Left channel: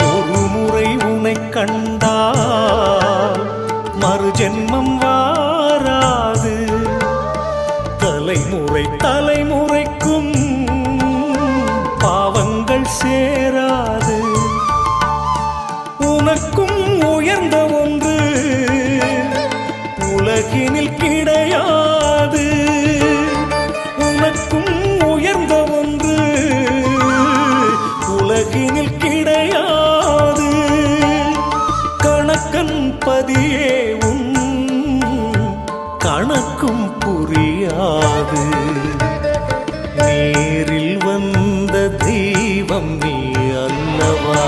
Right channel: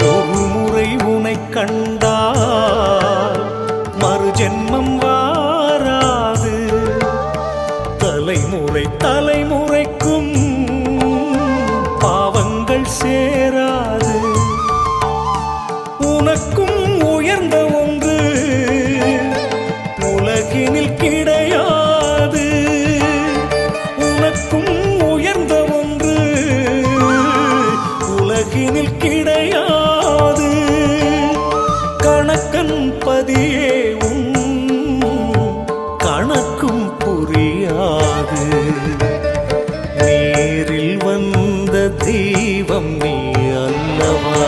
ஒரு முறை உனை கண்டால் மறு ஜென்மம் வாராது. தலைமுறை தலைமுறைக்கும் பாவங்கள் சேராது. உனக்கும் உயர்ந்த ஒன்று உலகினில் கிடையாது. உனக்கும் உயர்ந்த ஒன்று உலகினில் கிடையாது. கணக்கன் பதியே உன் கணக்கும் புரியாது. நேரில் வந்த தெய்வம் நீ அல்லவா?